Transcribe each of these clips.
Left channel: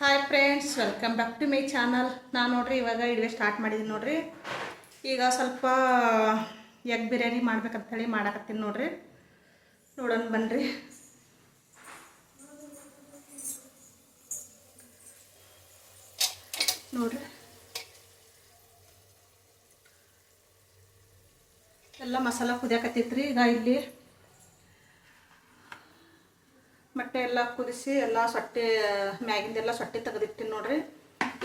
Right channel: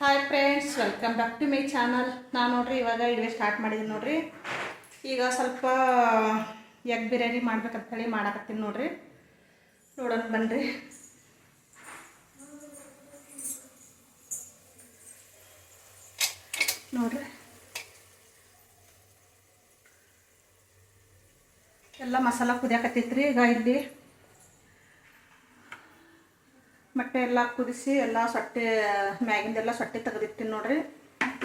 Hi friends, welcome back to my channel. ನಾನು ನೋಡ್ರಿ ಇವಾಗ ಇಡುವೆ ಸ್ಟಾರ್ಟ್ ಮಾಡಿದ್ದೀನಿ ನೋಡ್ರಿ. ಈಗ ಸ್ವಲ್ಪ ಎಗ್ ಬಿರಿಯಾನಿ ಮಾಡ್ಬೇಕಂತೇಳಿ ಮಾಡಕತ್ತೀನಿ ನೋಡ್ರಿ. ನೋಡೋಣ ಬನ್ನಿರಿ. ನೋಡ್ರಿ ಎಲ್ಲ ಮಸಾಲ ಕುದಿಯಾಕತ್ತೈತ್ರಿ. ಈಗ ಇಲ್ಲಿ ಮೊಟ್ಟೆ ಎಲ್ಲ ಕುದಿಸಿ ಎಲ್ಲ ಸೊಟ್ಟೆ ಮ್ಯಾಗಿಂದೆಲ್ಲ ಸೊಟ್ಟೆ ತೆಗೆದಿಟ್ಟಿನಿ ನೋಡ್ರಿ.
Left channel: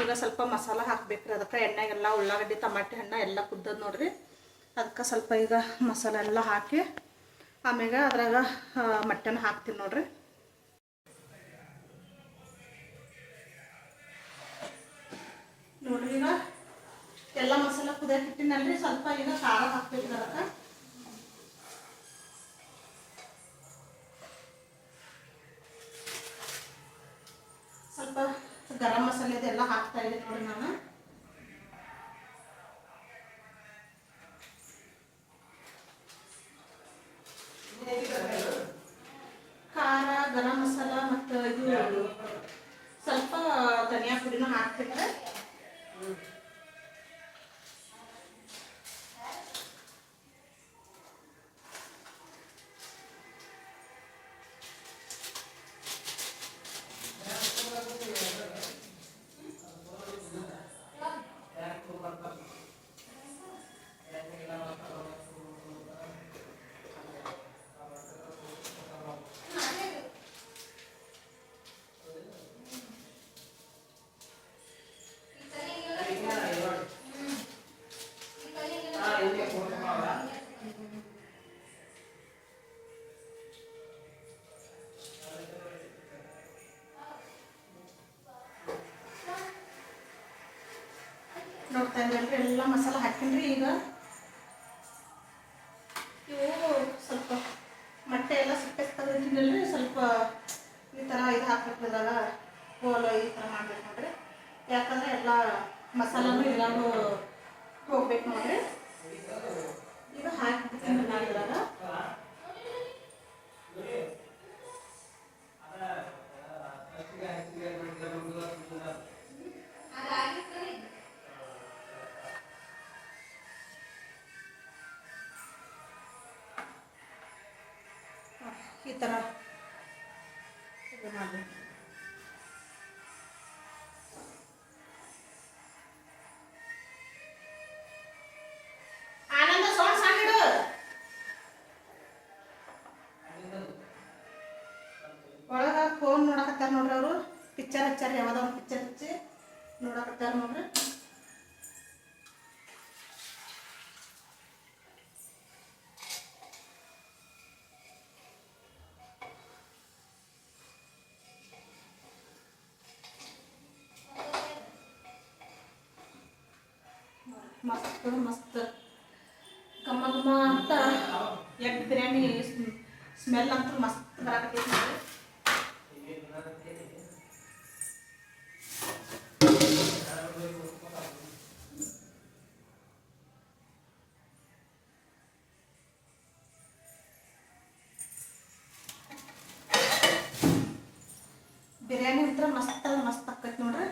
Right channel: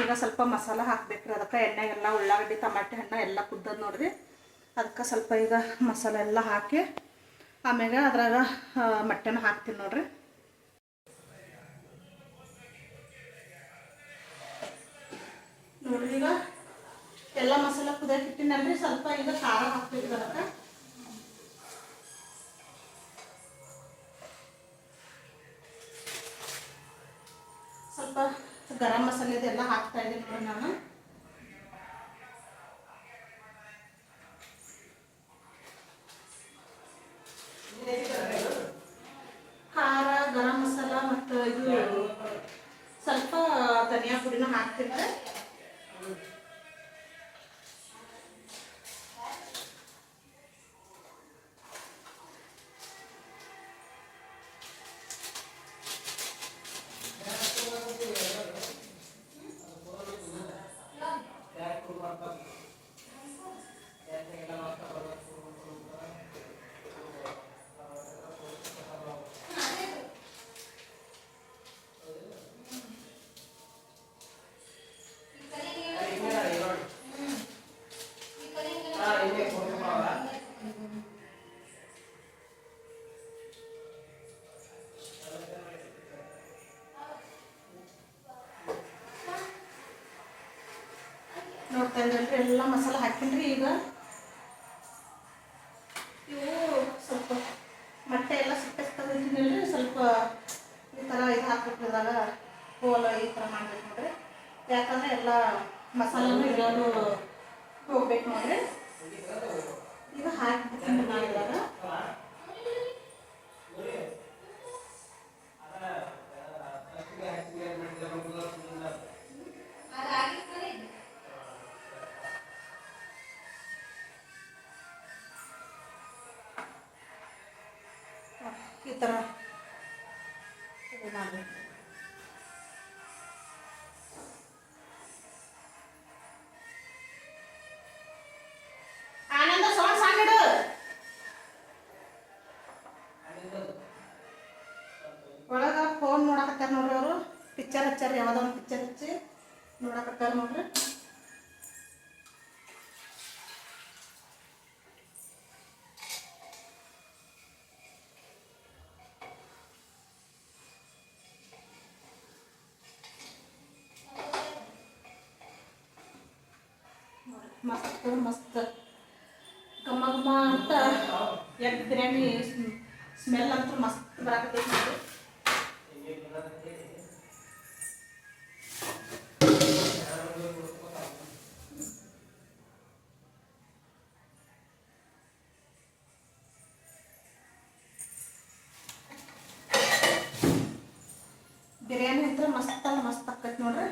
ಈಗ ಸ್ವಲ್ಪ ಮಸಾಲ ಹಾಕ್ಬೇಕ್ರಿ. ಅದಕ್ಕೆ ಎಣ್ಣೆಗೆಲ್ಲ ಉಳ್ಳಾಗಡ್ಡಿ ಟಮಾಟೆ ಹಣ್ಣು ಎಲ್ಲ ಕುದ್ದದ ನೋಡ್ರಿ. ಅದಕ್ಕೆ ಸ್ವಲ್ಪ ಈಗ ಮಸಾಲ ಎಲ್ಲ ಹಾಕಿ ಆಮ್ಯಾಗ ಅದ್ರಾಗ ಮೊಟ್ಟೆನ ಹಾಕ್ತೀನಿ ನೋಡ್ರಿ. ನೋಡ್ರಿ ಈಗ ಎಲ್ಲ ಮಸಾಲ ಕುದಿಯಾಕಿಟ್ಟಿನಲ್ರಿ. ಸ್ವಲ್ಪ ಈಗ ಖಾರ ಹಾಕ್ಬೇಕ್ರಿ. ಅದಕ್ಕೆ ಸ್ವಲ್ಪ ಗರಂ ಮಸಾಲೆದೆಲ್ಲ ಹಾಕ್ತಾ ಇದ್ದೀನಿ ನೋಡಿ ನಾನು. ಖಾರ, ಗರಂ ಮಸಾಲ ಮತ್ತು ಇದು ಸ್ವಲ್ಪ ಧನಿಯಾ ಪುಡಿನ ಹಾಕ್ತಿದ್ರೆ ನೋಡ್ತಾ ಇದ್ರಲ್ರಿ ಎಲ್ಲ ಮಸಾಲ ಹಾಕಿನ್ರಿ. ಈಗ ಇವು ಸ್ವಲ್ಪ ಮೊಟ್ಟೆ ಎಲ್ಲ ಸಿಪ್ಪೆ ತೆಗೆದಿಟ್ಟಿನಲ್ರಿ. ಸ್ವಲ್ಪ ಈ ಥರ ಇದು ಹಾಕ್ಬಿಟ್ಟಿದಾಗ ಹೋಲ ಈ ಥರ ಮಾಡ್ಬೇಕು ನೋಡ್ರಿ. ಯಾಕಂದರೆ ಎಲ್ಲ ಮಸಾಲನೂ ಎಲ್ಲನೂ ಹೋಗ್ಬೇಕು ನೋಡ್ರಿ. ಈಗ ಹಾಕಿಬಿಡ್ತೀನಿ ನಾವೆಲ್ಲಾರ. ಈ ಥರ ಇದು ಮಾಡಬೇಕು. ಆನಂದ ಸೌಂಡ್ ಸಾಕಿಡು. ಒಳಗೆ ಫೋನ್ ನೋಡಕತ್ತಾರ ನೋಡ್ರಿ. ಅವರು ಪಿಕ್ಚರ್ ಹಚ್ಚಾರ, ಯಾವುದೋ ಒಂದು ಪಿಕ್ಚರ್ ಹಚ್ಚಿ ನೋಡಕತ್ತಾರ ನೋಡ್ರಿ. ಮಸ್ತ್ ಮಸ್ತ್ ಘಮ ಘಮ ಅಂತ ಎಗ್ ಬಿರಿಯಾನಿ ಸ್ಮೆಲ್ ಅಂತೂ ಮಸ್ತ್ ಬರಾಕತ್ತೈತಿ ನೋಡ್ರಿ. ಬಿರಿಯಾನಿ ಅಂತ ಮಸ್ತ್ ಆಕೈತಿ ನೋಡ್ರಿ.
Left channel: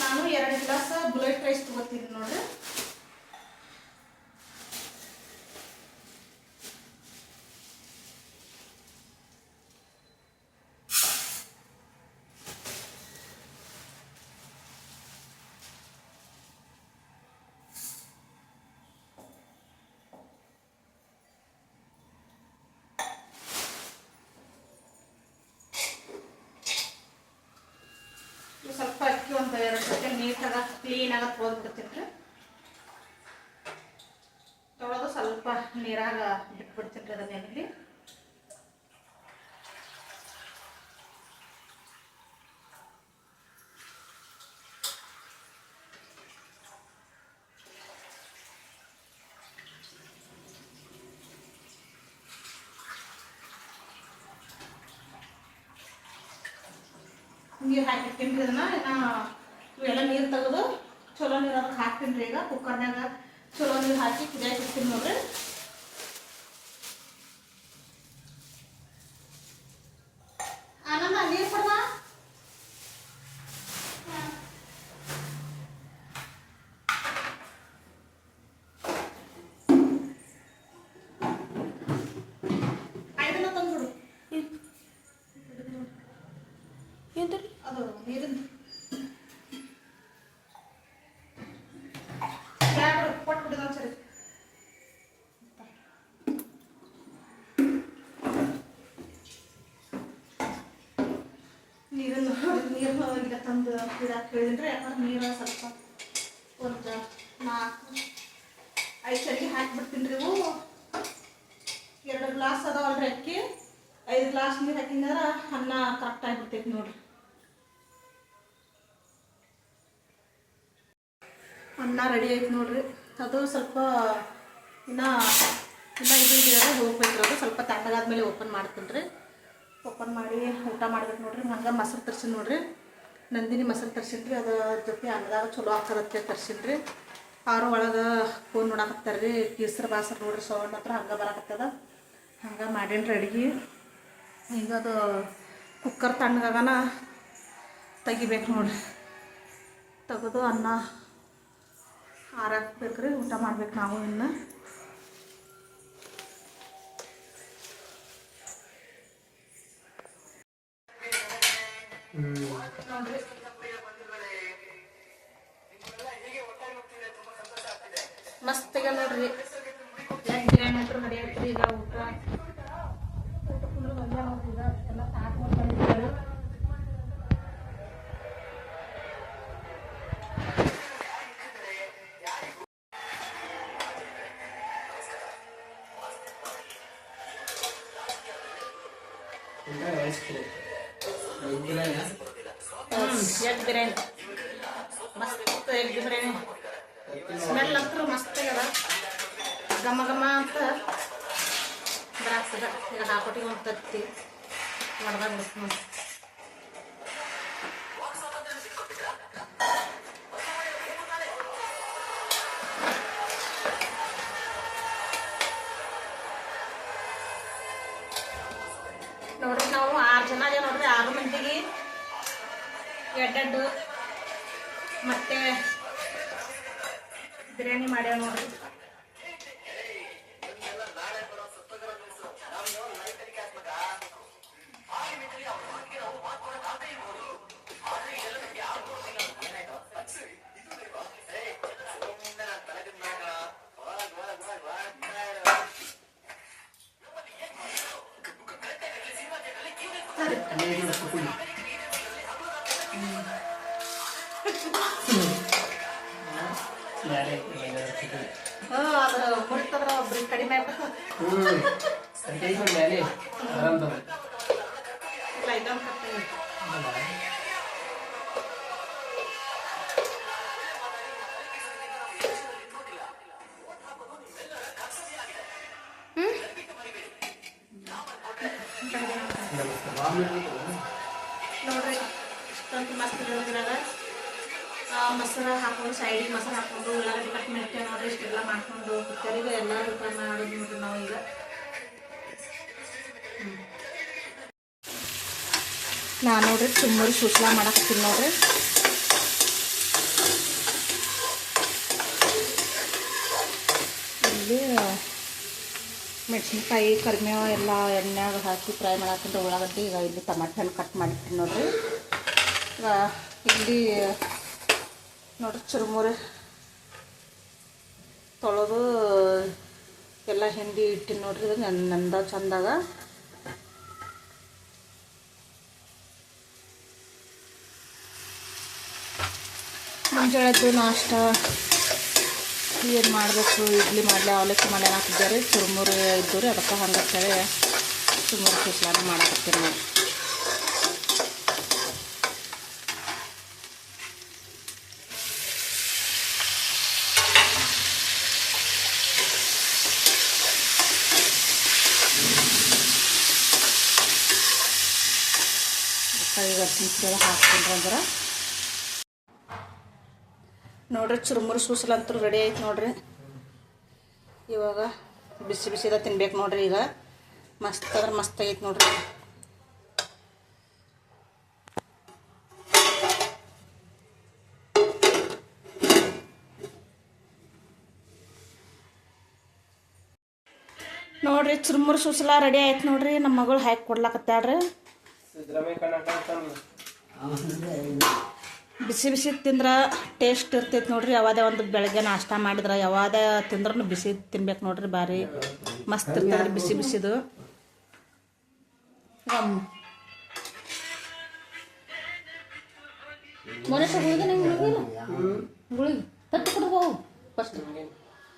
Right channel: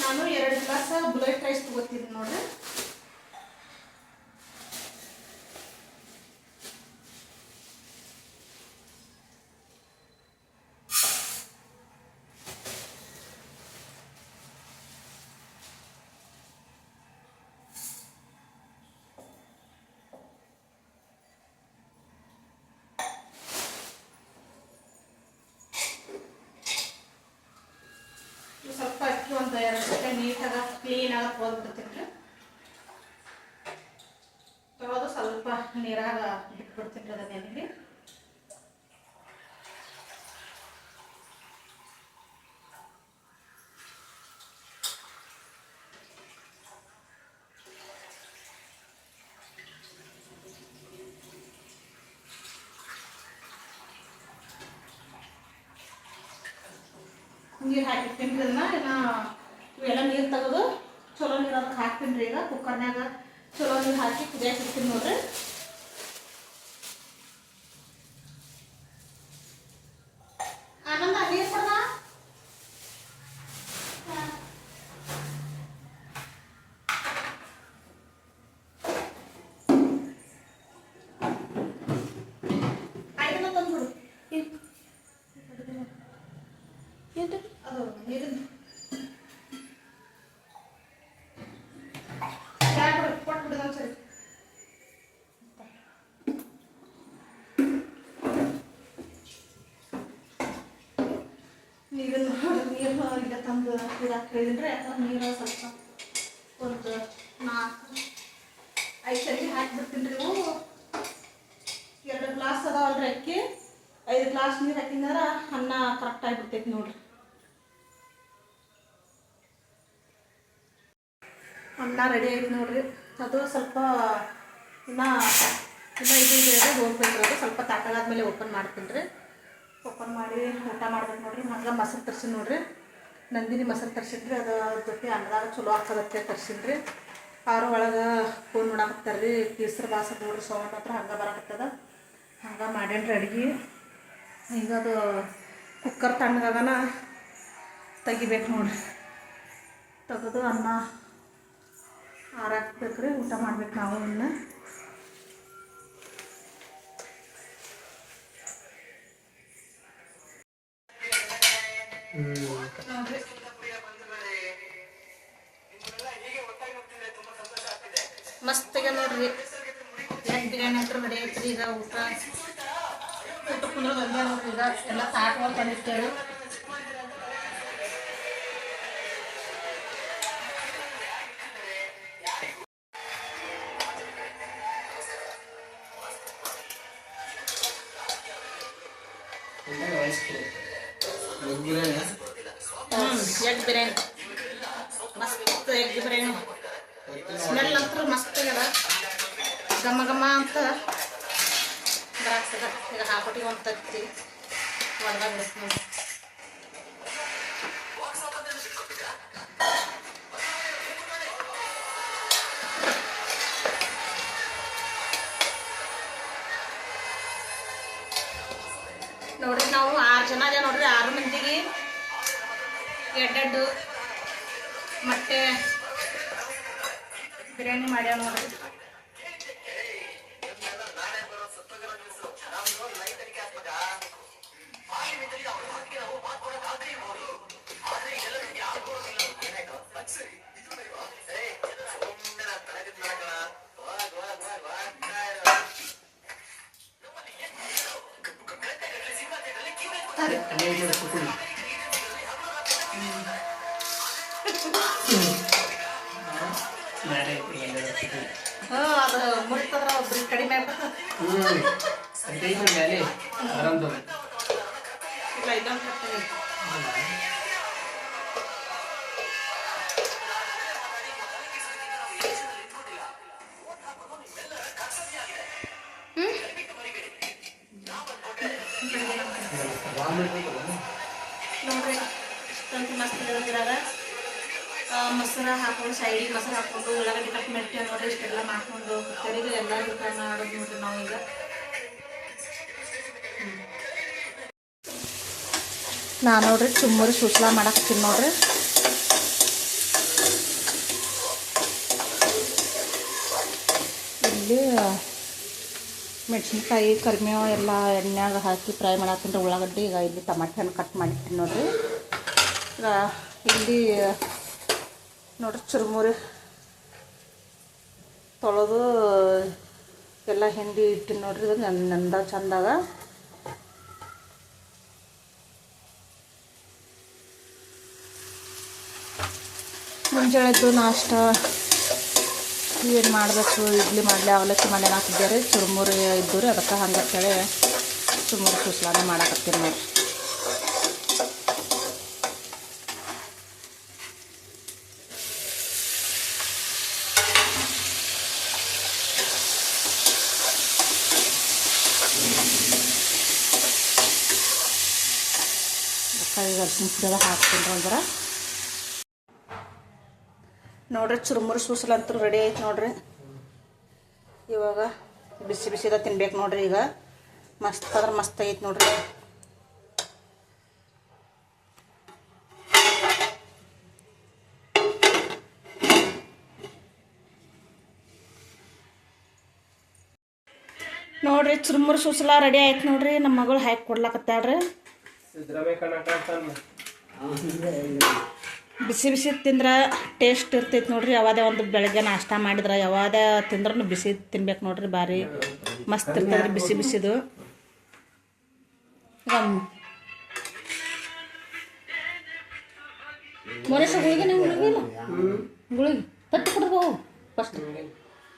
ನಾನು 2 ಗ್ಲಾಸ್ ಬುಲೆಟ್ ರೈಸ್ ತಗೋತೀನಿ ನೋಡ್ರಿ. ಸ್ವಲ್ಪ ಅಕ್ಕಿ ಒಂದು 2 ಸೆಕೆಂಡ್ ನೀಟಾಗಿ ಕ್ಲೀನಾಗಿ ತೊಳೆದ್ಬಿಡ್ತೀನಿ. ತೊಳೆದು ಸ್ವಲ್ಪ ನೀರಾಗ ಬಿಟ್ಬಿಡ್ತೀನಿ ಅದನ್ನೇನಿಲ್ಲ. ನೀರು ಹಾಕಿರ್ತೀನಿ ರೀ. ಅದನ್ನ ಇವೆಲ್ಲ ನೀರು ತೆಗೆದು ಚಲೋ ನೀರು ಅದಕ್ಕೆ ಹಾಕ್ತೀನಿ ರೀ. ಈಗ ಕುಕ್ಕರ್ನಾಗ ಚಲೋ ನೀರು ಹಾಕಿ ಕುದಿಯಾಕೆ ಇಡ್ತೀನಿ ನೋಡ್ರಿ. ಆನಂದ ನೀರು ಕೊಡ. ಐದನ್ನ ತಂದ್ಬಿಡು. ಅದು ನೀರಿಂದ ಕೊಟ್ಬಿಡಿದ ಒಂದ್ಸರಿ. ನೀರನ್ನು ಈಗ ತಂದು ಇದಾಕಿ ಹೇಳಿದ್ರೆ ಯಾಕಂದ್ರೆ ನೀರು ಸ್ವಲ್ಪ ಒಂದು 4-5 ಸರಿ ಹಾಕಿಬಿಡ್ತೀನಿ ರೀ. ಇವು 2 ಗ್ಲಾಸ್ ಅದಾವಲ್ರಿ ಅಕ್ಕಿ, 5 ಗ್ಲಾಸ್ ನೀರು ಹಾಕಿದ್ರೆ ಅನ್ನ ಕರೆಕ್ಟ್ ಆಗಿಬಿಡ್ತೈತಿ ನೋಡ್ರಿ. ಅನ್ನ ರೆಡಿ ಆಯ್ತು ನೋಡ್ರಿ. ಅದು ಸ್ವಲ್ಪ ಇನ್ನು ಇದು ಹೋಗ್ಬೇಕು. ಅದು ಸ್ವಲ್ಪ ತಾಟಾಗಾದ್ಮೇಲೆ ಓಪನ್ ಮಾಡ್ತೀನಿ ರೀ. ಓಪನ್ ಮಾಡಿ ಊಟ ಮಾಡ್ಬೇಕು ನೋಡ್ರಿ. ಹಂಗೆ ಮೊಸರು ತರ್ಸಿನಿ ನೋಡ್ರಿ. ನಂದಿನಿ ಮೊಸರು ತರ್ಸಿದ್ರಿ. ಅದು ಜೊತೆ ಅನ್ನದಾಗ ಚಲೋ ಆಗ್ತದತ್ತೆ ತರ್ಸಿನ್ರಿ. ಅವರು ಒಳಗೆ ಫೋನ್ ನೋಡಕತ್ತಾರ ರೀ. ಕೇಸರಿ ಬಾಸರ್ ನೋಡ್ರಿ ಸೌಂಡ್ ಹತ್ರ ಹಂಗೆ ಬರಕತ್ತದ. ಹಂಗೆ ಮಾಡೇನ್ರಿ ಅಡುಗೆ. ಈಗ ಅದು ಕುಕ್ಕರ್ ತಣ್ಣಗಾಗನ ತೆಗಿಬೇಕು ನೋಡ್ರಿ. ತೆಗೆದು ಅನ್ನ ಆರಾಕ್ಬೇಕು ರೀ. ಊಟ ಮಾಡ್ಬೇಕು ನಾವು ಇನ್ನು. ನೋಡ್ರಿ ಮಸ್ತಿಗೆ ನೋಡ್ರಿ ಎಗ್ ಬಿರಿಯಾನಿ ಅಂತೂ ರೆಡಿ ಐತ್ರಿ. ಈಗ ಊಟ ಕುಂದ್ರದ ಅಲ್ಲೇ ನೋಡ್ರಿ. ಈಗ ಎಲ್ಲ ಸಾಕು ತಂದಿರ್ತೇವೆ. ಎಗ್ ಬಿರಿಯಾನಿ ಮಸ್ತ್. ಎಗ್ ಬಿರಿಯಾನಿ ಸ್ಮೆಲ್ ಅಂತೂ ಮಸ್ತ್ ಆಗ್ಯದ. ಘಮ ಘಮ ಅಂತ ಬರಾಕ್ತದ. ಈಗ ಹಾಕೊಟ್ಟಿಗೆ ಒಂದು ತತ್ತಿ ಒಳದಾಗ ಬಿಡುತ್ತೆ ನೋಡಿ. ನೋಡ್ರಿ ನಾವು 6 ಜನ ಇದೆ ನೋಡ್ರಿ. 6 ಮಂದಿಗೆ ಎಡ್ಡೆಡ್ಡು ಮೊಟ್ಟೆ ಬಿರಿಯಾನಿ ಮಾಡ್ಯಾವ ನೋಡ್ರಿ. ಅದು ಮುರಿತದ್ರ ಒಬ್ರಿಗೆ ಕಡಿಮೆ ಆಗ್ಬೇಕು. ಇಲ್ಲ ಇದೊಂದು ಕಟ್ಟಿ ನೋಡ್ರಿ. ಇಷ್ಟೊಂದು ಮಸ್ತ್ ಇರೋದ್ರಾಗ ಮೊಸರು ಹಾಕೊಂಡು ಸೈಡಿಗೆ ಮೊಸರು ಹಾಕ್ಕೊಂಡು ಉಳ್ಳಾಗಡ್ಡಿ ಕಟ್ ಮಾಡ್ತೇವೆ ನೋಡ್ರಿ. ಇಷ್ಟೆಲ್ಲ ಮಾಡ್ಕೊಂಡು ಕುಕ್ಕರಿಗೆ ಎಲ್ಲ ಊಟ ಮಾಡೋದು ನೋಡ್ರಿ ನಾವು. ಈಗ ನಾನು ನೋಡ್ರಿ ಚುಮ್ಮರಿ ಸುಸ್ಲಾ ಮಾಡಕತ್ತೀನಿ ನೋಡ್ರಿ. ಇಲ್ಲಿ ಮೆಣಸಿನ್ಕಾಯಿ ಕರಿಬೇವು ಎಲ್ಲ ಎಣ್ಣೆಗೆ ಹಾಕಿ ಫ್ರೈ ಮಾಡತ್ತೀನಿ ಉಳ್ಳಾಗಡ್ಡಿ. ಈಗ ಇಲ್ಲಿ ಟಮಾಟೆ ಹಣ್ಣು ಕಟ್ ಮಾಡಿರ್ತೀನಿ ನೋಡ್ರಿ. ಇಲ್ಲಿ ನೋಡ್ರಿ ಚುರುಮುರಿ ತೊಳೆದು ಎಲ್ಲ ಹಿಂಡಿ ಇಟ್ಟಿನಿ ನೋಡ್ರಿ. ಇದು ನಂದ ಚಂದಾಗ ಮುಂಜಾನೆದ್ದು ನಾಷ್ಟ ಏನು ಮಾಡಬೇಕು. ಇಡ್ಲಿ ಮಾಡಲಿ ಅವಲಕ್ಕಿ ಮಾಡಿ ಹಾಕಿದ್ದಾರೆ. ಚುರುಮುರಿ ಇದ್ದು ರೀ. ಅದಕ್ಕೆ ಹಂಗತ್ತೇಳಿ ಚುರುಮುರಿ ಸುಸ್ಲಾನೆ ಮಾಡಾಕತ್ತೀನಿ ನೋಡಿ. ಈಗ ಅರ್ಶಿನ ಪುಡಿ ಹಾಕ್ತೀನಿ ಅಂದ್ರೆ ನೋಡ್ರಿ ಚುರುಮುರು ಸೂಸಲಂತೂ ರೆಡಿ ಆಯ್ತು ನೋಡ್ರಿ. ಇವಾಗ ಬಿಸಿ ಬಿಸಿದ ತಿನ್ಬೇಕು ನೋಡ್ರಿ. ಈಗ ಮಸ್ತ್ ಅಂದ್ರೆ ಮಸ್ತ್ ಆಗೈತೆ ನೋಡ್ರಿ. ನೋಡ್ರಿ ಚುರುಮುರು ಸೂಸಲ ರೆಡಿ ಆಯ್ತು ನೋಡ್ರಿ. ನಮ್ಮ ಮಗಳು ಹಾಕಿ ಕೊಡ್ಲಾಕತ್ತಾಳ್ರಿ. ಬಿಸಿ ಬಿಸಿ ತಿಂದ್ರೆ ಟೇಸ್ಟ್ ಇರ್ತೈತೆ ನೋಡ್ರಿ. ಯಾವುದೇ ಒಂದು ಬೆಳಗ್ಗೆ ನಾಷ್ಟ ಮಾಡಿದ್ರೆ ಯಾವುದೇ ತಿಂದ್ರೂ ಬಿಸಿ ತಿನ್ಬೇಕು ನೋಡ್ರಿ. ಭಾರಿ ಮಸ್ತ್ ಇರ್ತದ್ರಿ ಬಿಸಿ ಬಿಸಿದು. ಮೊರೇಶ ಗುಳಿಗೆ ಗುಳಿಗೆ ತಟ್ಟಿ ಕೊಡ್ಬೋ ಫಸ್ಟ್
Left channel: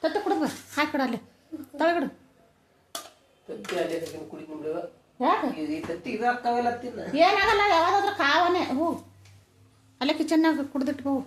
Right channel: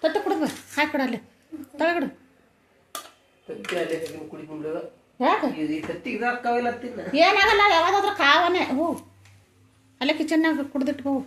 ತಟ್ಟಿ ಕೊಡ್ಬ ಹಾಕಿ ಕೊಡಲ್ಲಿ ತಳಗಡು. ಯಾಕೆ ಏನಾಗಲ್ಲ, ಯಾವ್ದಾದ್ರು ಕಾವನೆ ಹೋ ಅಲ್ಲೇ ಕಿಚನ್ನಾಗ ಕುಡ್ದಿಟ್ಟು ಹೋಗು.